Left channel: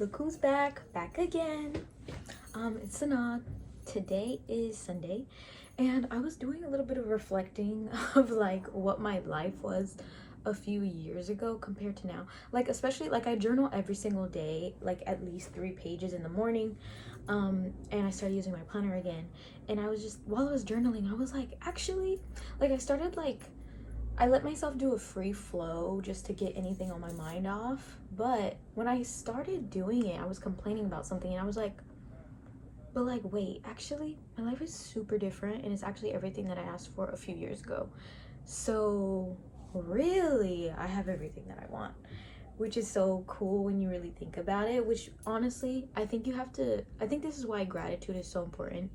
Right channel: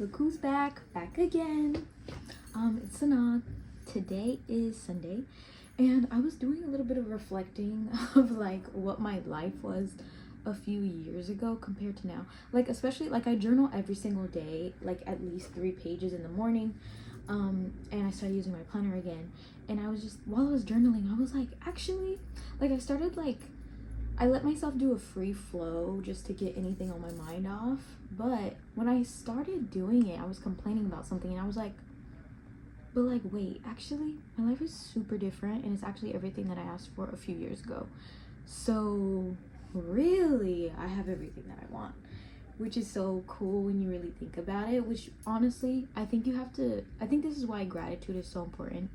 Look who's back again. It's Sanaa. Today is Sunday, and I was doing a little bit of reflecting of like what my life was a few years ago compared to now. Like, especially like I journal every single day, like at least 3 pages in the morning. And I started using my planner again, and I was just, while I was journaling, I was like, actually, like I let myself do a free flow just to get anything on my mind off. But when I started doing it, I was complaining about something, and I was like, but like, wait, actually, my life is super different, and it's actually everything that I asked for a few years ago. So really, I have everything that I want, which is so cool when you really think about it. Which honestly, I think this is why gratitude is so important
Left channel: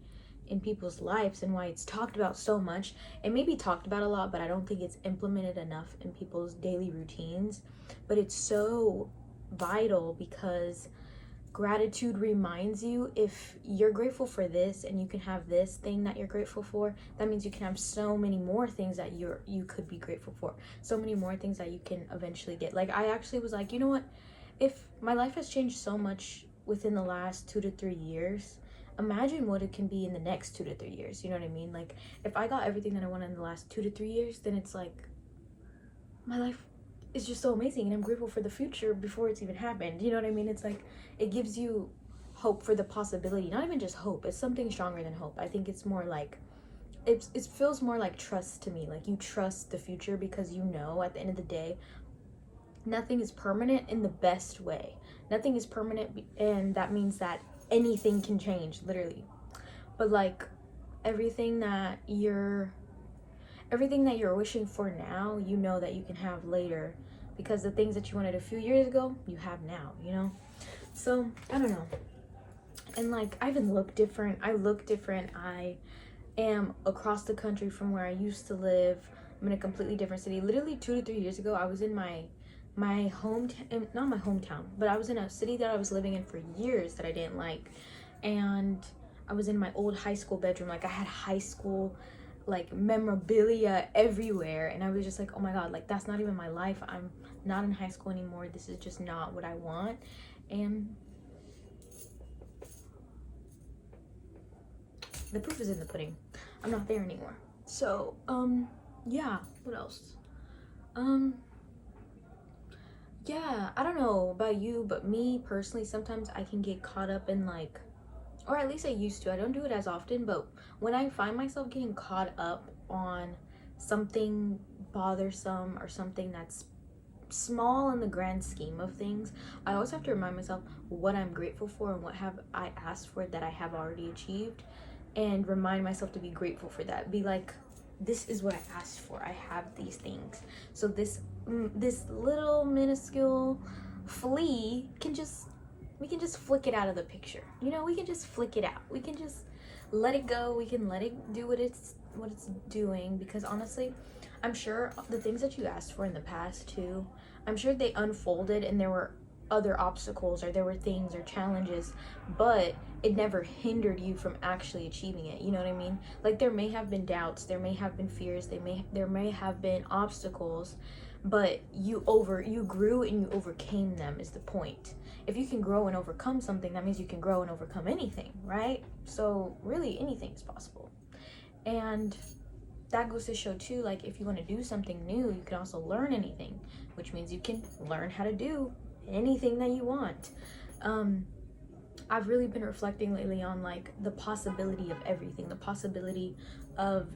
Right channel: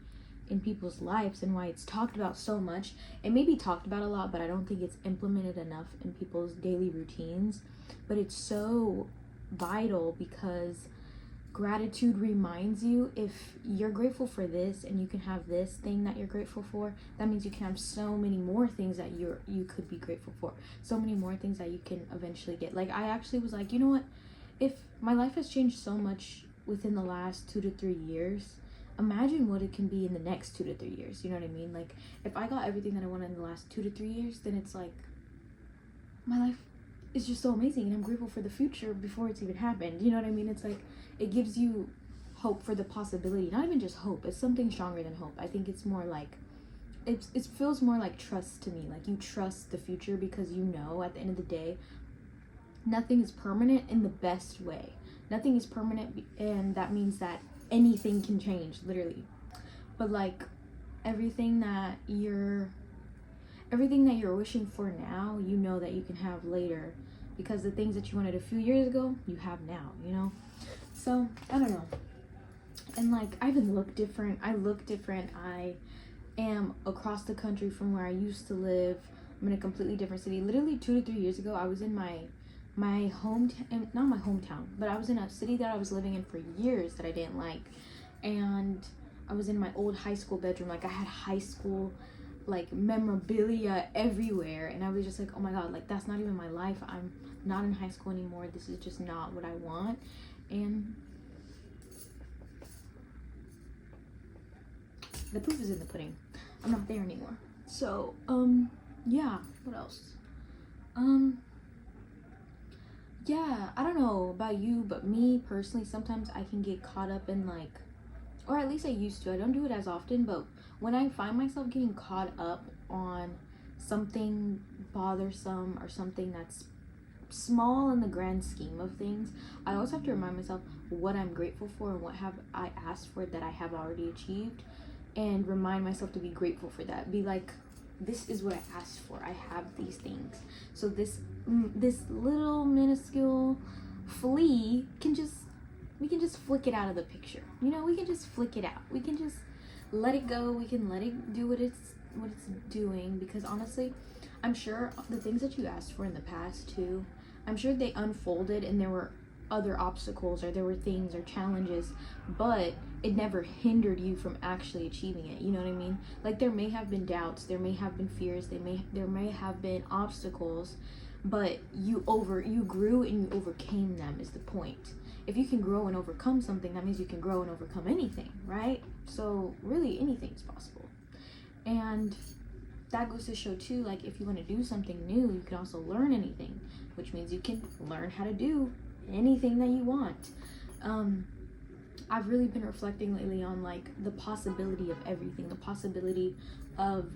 in people's lives, and why it's talked about so much. It may be talked about a lot, but I don't think it's implemented enough in people's daily routines. But it's so vital, because gratitude reminds you, if you're grateful for this and you can have this thing that you're grateful for, that means you can have so many more things that you could be grateful for, so many more things that you can eventually get. Like, I actually was like, you know what, if my life has changed so much within the last 2 to 3 years, imagine what it can be in the next 2 to 3 years. You know what I mean? Like, if I got everything that I wanted in the last 2 to 3 years, then it's like my life is just so amazing, and I'm grateful for the future before it's even happened. You know what I mean? It's like, it gives you hope for the possibility. Not even just hope, it's something stronger than hope. I think it's more like, it feels more like trust to me. Like, you trust the future because you know at the end of the day, nothing is permanent in the best way. Nothing is permanent, and that means that anything can change, literally. But like, everything that you're wishing for now, you know that you can have later, because the things that you wanted a few years ago, you have now, you know? So I don't know. And like, I even look different. I am across the country from where I used to live. I'm in a completely different city. Literally 2 to 3 years ago, I was in my hometown, not my hometown, but I was in a city that I was living in for years that I didn't like. And I was in my old high school bedroom. Like, I had high school like memorabilia everywhere, and I was just like, oh my god, like, that's not even my life. I'm not in high school anymore. This is just not what I want. And the proof is in the pudding. I'm not there anymore. So yeah, what else? Yeah, I don't know about you, but me personally, sometimes I can get caught up in like, or at least I used to. I don't do it as often, but when I find myself getting caught up on something bothersome or something that's small in the grand scheme of things, I always have to remind myself what I'm grateful for and what have I asked for that I have already achieved, and remind myself to be grateful for that. Be like, this is what I asked for. I have these things. So this little minuscule flea we can just flick it out of the picture. You know, we can just flick it out. We can just let it go. We can let it do what it's doing, because honestly, I'm sure the things that you asked for in the past too, I'm sure they unfolded and there were other obstacles, or there were things or challenges, but it never hindered you from actually achieving it. You know what I mean? Like, there may have been doubts, there may have been fears, there may have been obstacles, but you grew and you overcame them, is the point. If you can grow and overcome something, that means you can grow and overcome anything, right? So really, anything is possible. And that goes to show too, like, if you want to do something new, you can also learn anything, which means you can learn how to do anything that you want. I've really been reflecting lately on like the possibility of everything, the possibility of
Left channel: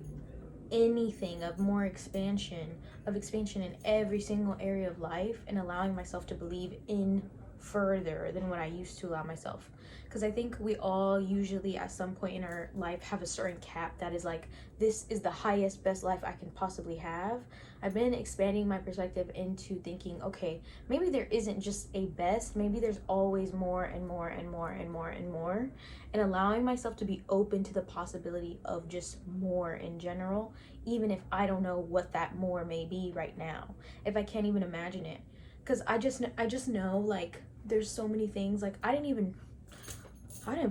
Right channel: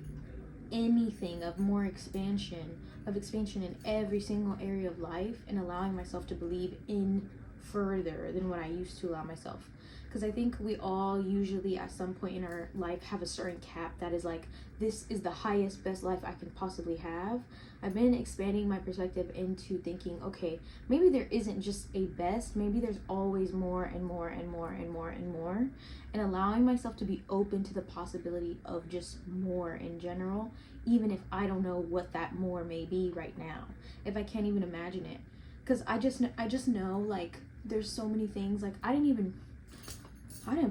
anything, of more expansion in every single area of life, and allowing myself to believe in further than what I used to allow myself. Because I think we all usually at some point in our life have a certain cap that is like, this is the highest, best life I can possibly have. I've been expanding my perspective into thinking, okay, maybe there isn't just a best, maybe there's always more and more and more and more and more, and allowing myself to be open to the possibility of just more in general, even if I don't know what that more may be right now, if I can't even imagine it. Because I just know, like, there's so many things. Like, I didn't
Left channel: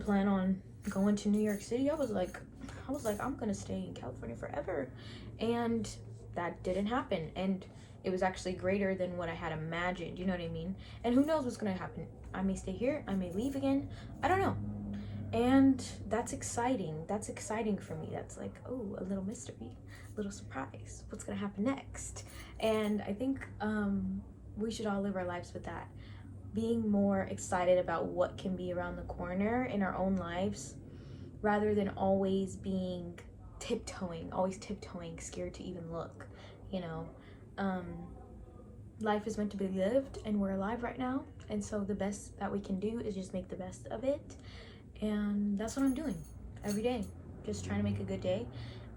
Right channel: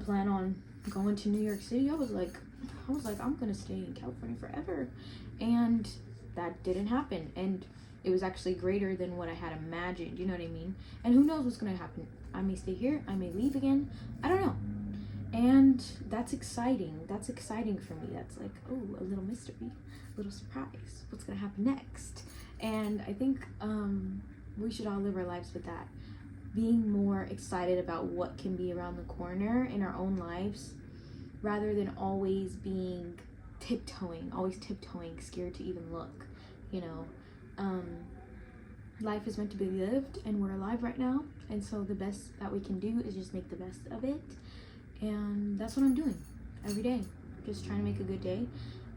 plan on going to New York City. I was like, I'm gonna stay in California forever, and that didn't happen. And it was actually greater than what I had imagined. You know what I mean? And who knows what's gonna happen I may stay here, I may leave again, I don't know. And that's exciting. That's exciting for me. That's like, oh, a little mystery, a little surprise. What's gonna happen next? And I think we should all live our lives with that. Being more excited about what can be around the corner in our own lives, rather than always being always tiptoeing, scared to even look, you know. Life is meant to be lived, and we're alive right now. And so the best that we can do is just make the best of it. And that's what I'm doing every day, just trying to make a good day,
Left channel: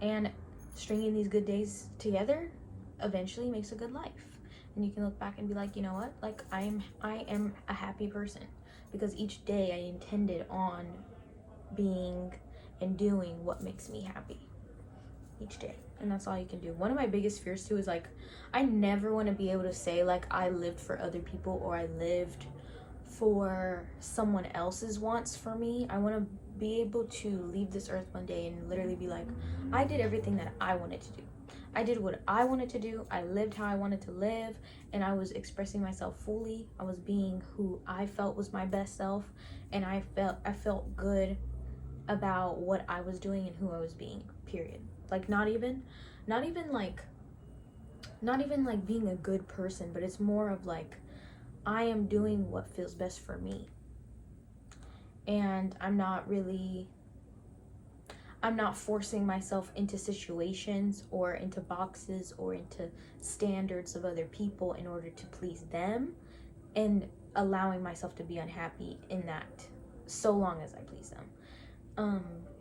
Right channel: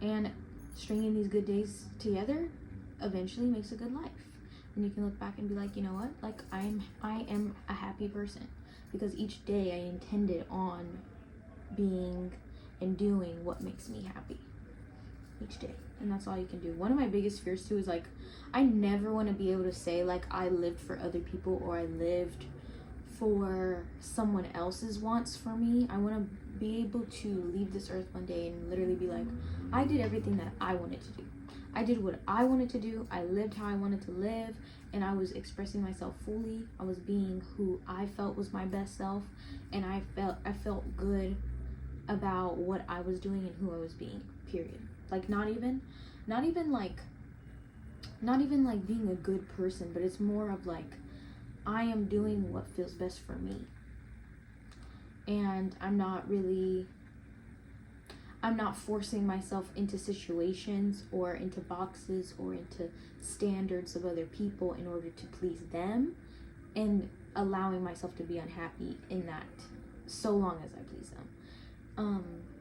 and stringing these good days together eventually makes a good life. And you can look back and be like, you know what, like I am a happy person because each day I intended on being and doing what makes me happy each day. And that's all you can do. One of my biggest fears too is like, I never want to be able to say like I lived for other people or I lived for someone else's wants for me. I want to be able to leave this earth one day and literally be like, I did everything that I wanted to do. I did what I wanted to do. I lived how I wanted to live, and I was expressing myself fully. I was being who I felt was my best self, and I felt good about what I was doing and who I was being. Period. Like not even like being a good person, but it's more of like I am doing what feels best for me. And I'm not forcing myself into situations or into boxes or into standards of other people in order to please them, and allowing myself to be unhappy in that so long as I please them.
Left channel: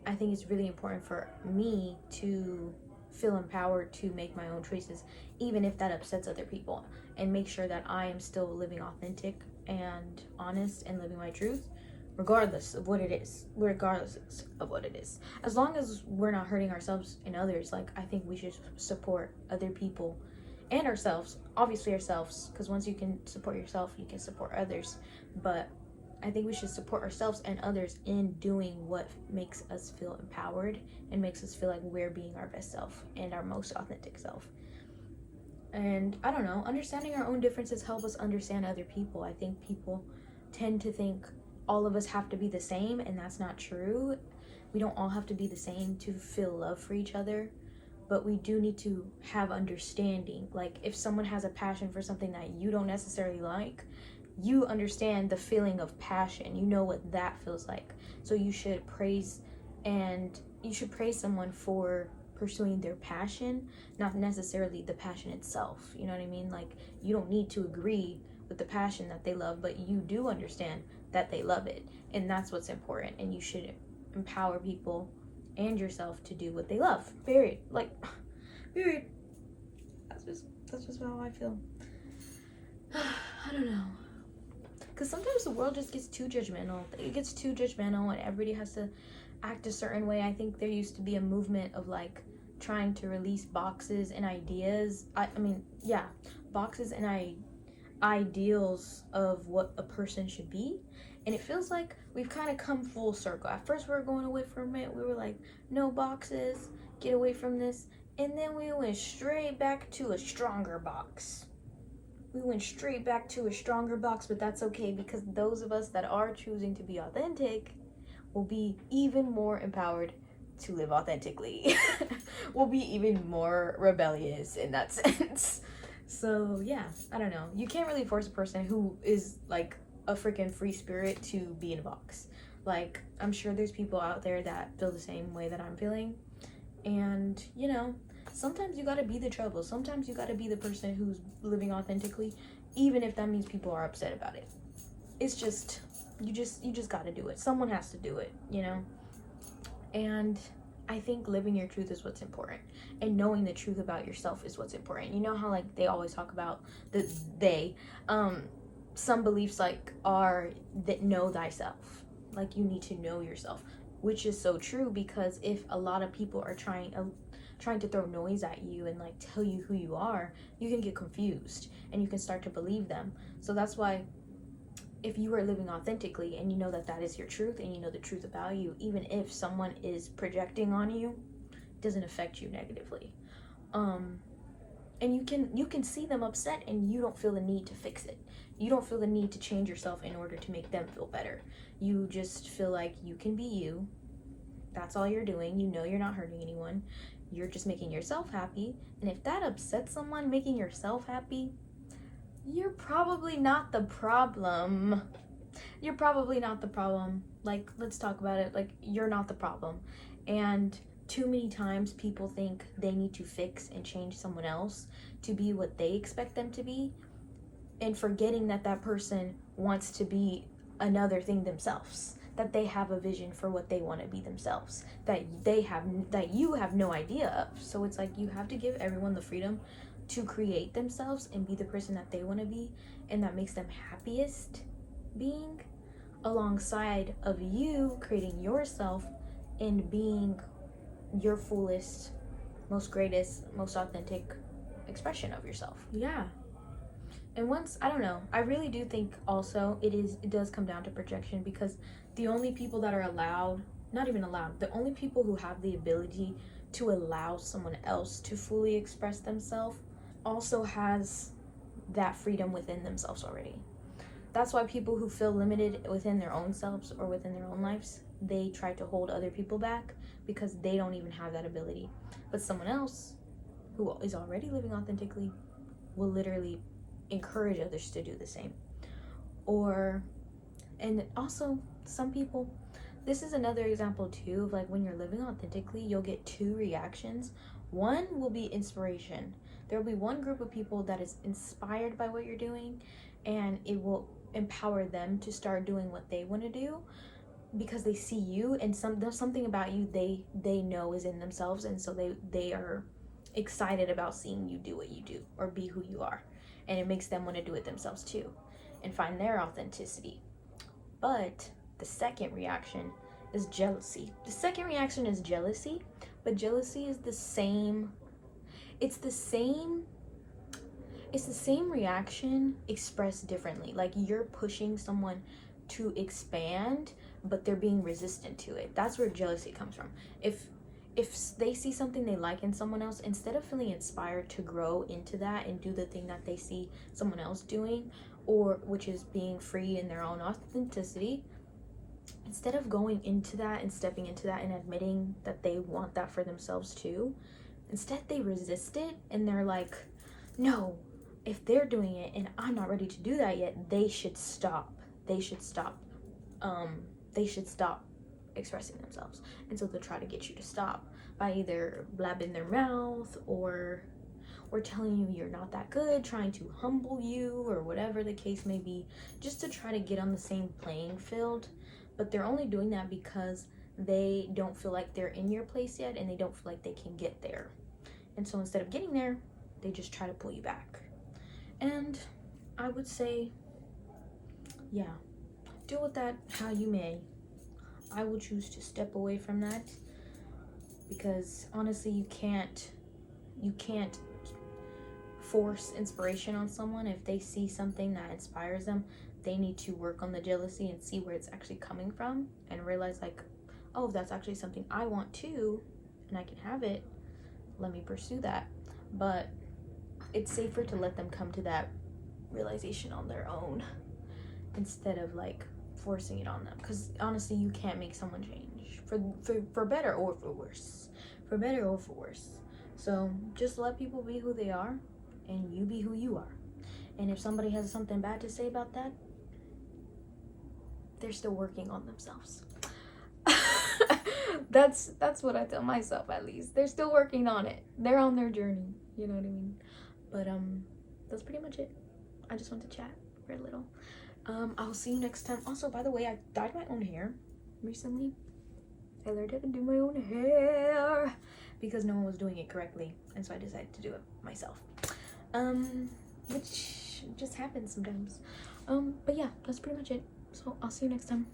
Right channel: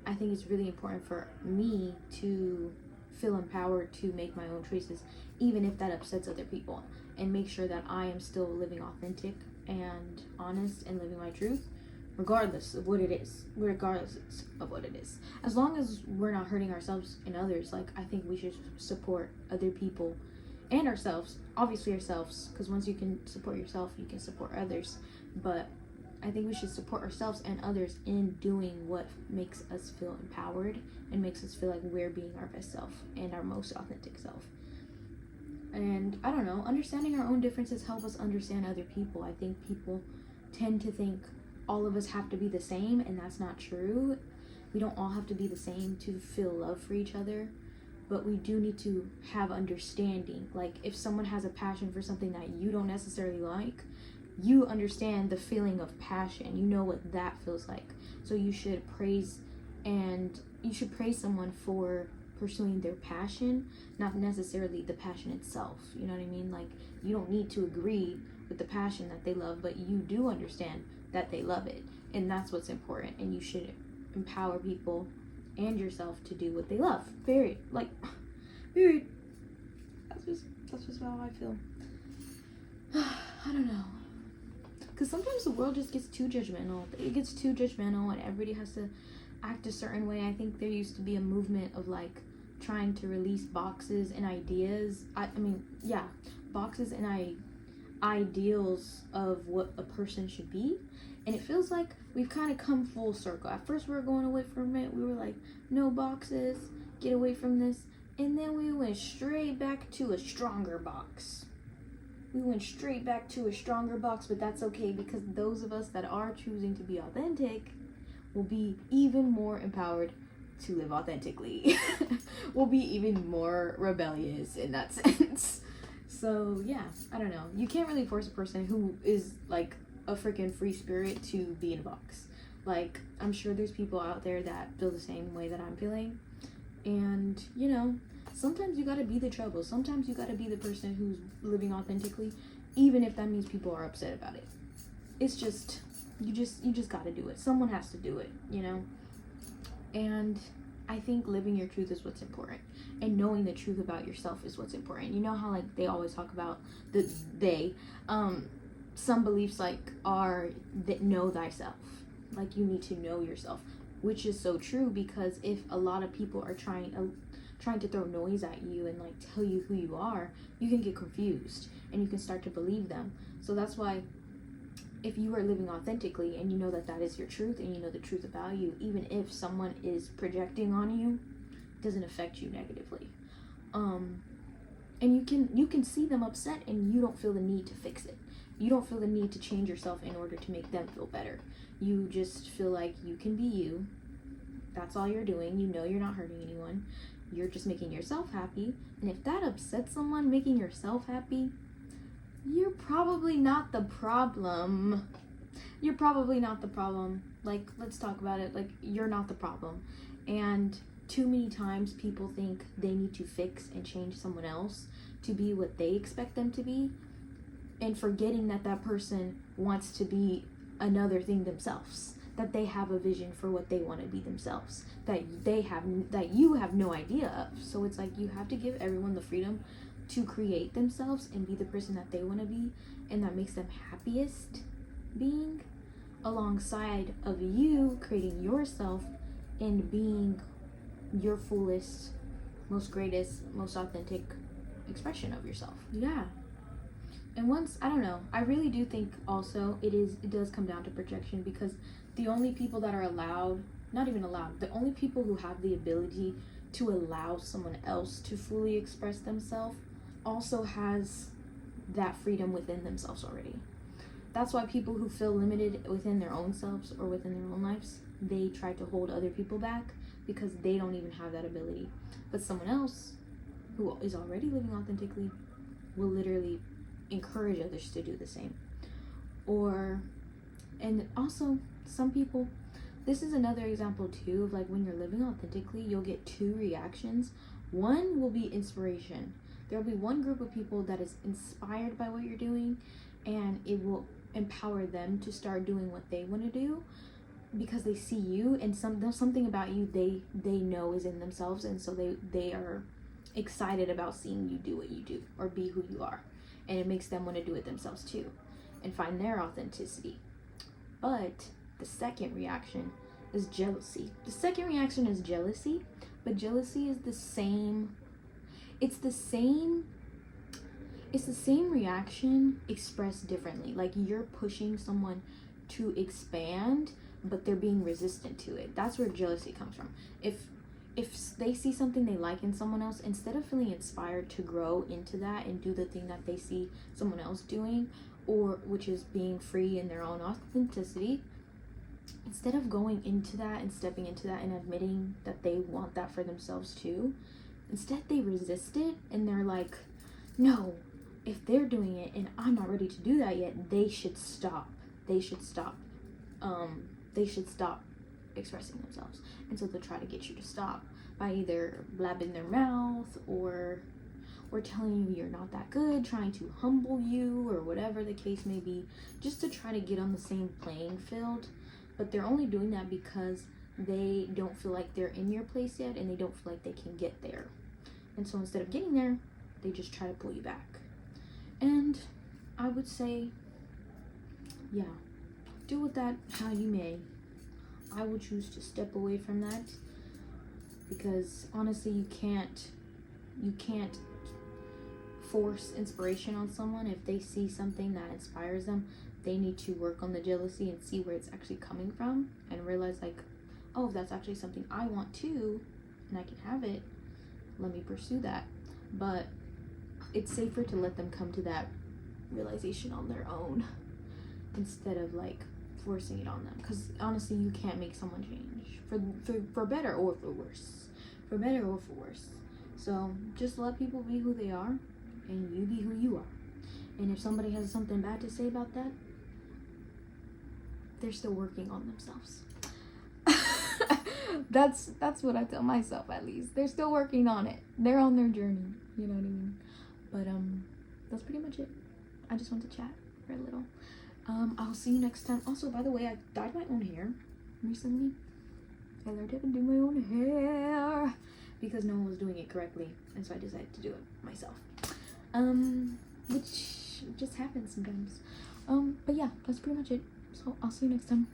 I think it's really important for me to feel empowered to make my own choices, even if that upsets other people, and make sure that I am still living authentic and honest and living my truth, regardless of what it is. As long as we're not hurting ourselves and others, like I think we should support other people and ourselves, obviously ourselves, because once you can support yourself, you can support others. But I think we should support ourselves and others in doing what makes us feel empowered and makes us feel like we're being our best self and our most authentic self. And I don't know, understanding our own differences help us understand other people. I think people tend to think all of us have to be the same, and that's not true. We don't all have to be the same to feel love for each other, but we do need to have understanding. Like if someone has a passion for something that you don't necessarily like, you understand the feeling of passion. You know what that feels like. So you should praise someone for pursuing their passion, not necessarily the passion itself. You know what I mean? Like you don't need to agree with the passion that they love, but you do understand that they love it, and that's what's important. And you should empower people and yourself to do what they love. Period. Like, period. That's just how I feel. I don't know. Because sometimes the world just gets too judgmental. It gets too judgmental and everybody has to act a certain way. I think there used to be a movement of like trying to release boxes and ideas. Boxes and ideals of what a person should be. And it feels like we've kind of come full circle. At first we were going away from it. We were like, no boxes, get away from this. And then we went straight back to a stronger box. But that's okay, because those of us that are choosing to be authentic will be even more empowered to live authentically. We'll be even more rebellious in that sense. So yeah, I don't know. You can't really force a person who is like a freaking free spirit to be in a box. Like, I'm sure there's people out there that feel the same way that I'm feeling. And, you know, sometimes you gotta be the trouble. Sometimes you gotta be the person who's living authentically, even if that means people are upset about it. It's just, you just gotta do it. Someone has to do it, you know? And I think living your truth is what's important. And knowing the truth about yourself is what's important. You know how like they always talk about some beliefs like are that know thyself. Like you need to know yourself, which is so true, because if a lot of people are trying to throw noise at you and like tell you who you are, you can get confused and you can start to believe them. So that's why if you are living authentically and you know that that is your truth and you know the truth about you, even if someone is projecting on you, it doesn't affect you negatively. And you can see them upset and you don't feel the need to fix it. You don't feel the need to change yourself in order to make them feel better. You just feel like you can be you. That's all you're doing. You know you're not hurting anyone. You're just making yourself happy. And if that upsets someone, making yourself happy, you're probably not the problem. You're probably not the problem. Like, let's talk about it. Like, you're not the problem. And too many times people think they need to fix and change someone else to be what they expect them to be, and forgetting that that person wants to be another thing themselves, that they have a vision for what they want to be themselves, that you have no idea of. So it's like, you have to give everyone the freedom to create themselves and be the person that they want to be, and that makes them happiest being, alongside of you creating yourself and being your fullest, most greatest, most authentic expression of yourself. Yeah. And once, I don't know, I really do think also it does come down to projection, because the only people that are allowed, not even allowed, the only people who have the ability to allow someone else to fully express themselves also has that freedom within themselves already. That's why people who feel limited within their own selves or within their own lives, they try to hold other people back because they don't even have that ability. But someone else who is already living authentically will literally encourage others to do the same. And also, some people, this is another example too of like, when you're living authentically, you'll get two reactions. One will be inspiration. There will be one group of people that is inspired by what you're doing, and it will empower them to start doing what they want to do, because they see you, and there's something about you they know is in themselves, and so they are excited about seeing you do what you do or be who you are, and it makes them want to do it themselves too and find their authenticity. But the second reaction is jealousy. The second reaction is jealousy, but jealousy is the same reaction expressed differently. Like, you're pushing someone to expand, but they're being resistant to it. That's where jealousy comes from. If they see something they like in someone else, instead of feeling inspired to grow into that and do the thing that they see someone else doing, or which is being free in their own authenticity, instead of going into that and stepping into that and admitting that they want that for themselves too, instead they resist it, and they're like, no, if they're doing it and I'm not ready to do that yet, they should stop. They should stop expressing themselves. And so they'll try to get you to stop by either blabbing their mouth or telling you you're not that good, trying to humble you, or whatever the case may be, just to try to get on the same playing field. But they're only doing that because they don't feel like they're in your place yet, and they don't feel like they can get there. And so instead of getting there, they just try to pull you back. And I would say, yeah, deal with that how you may. I will choose to step away from that, because honestly, you can't force inspiration on someone. If they see something that inspires them, they need to work on the jealousy and see where it's actually coming from, and realize like, oh, that's actually something I want too, and I can have it. Let me pursue that. But it's safer to let them come to that realization on their own, instead of like forcing it on them, because honestly, you can't make someone change for better or for worse. So just let people be who they are, and you be who you are. And if somebody has something bad to say about that, they're still working on themselves. That's what I tell myself, at least. They're still working on it. They're on their journey, you know what I mean? But that's pretty much it. I just want to chat for a little. I'll see you next time. Also, by the way, I dyed my own hair recently. I learned how to do my own hair because no one was doing it correctly, and so I decided to do it myself. Which just happens sometimes. But yeah, that's pretty much it. So I'll see you next time.